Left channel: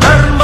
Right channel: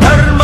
Dharma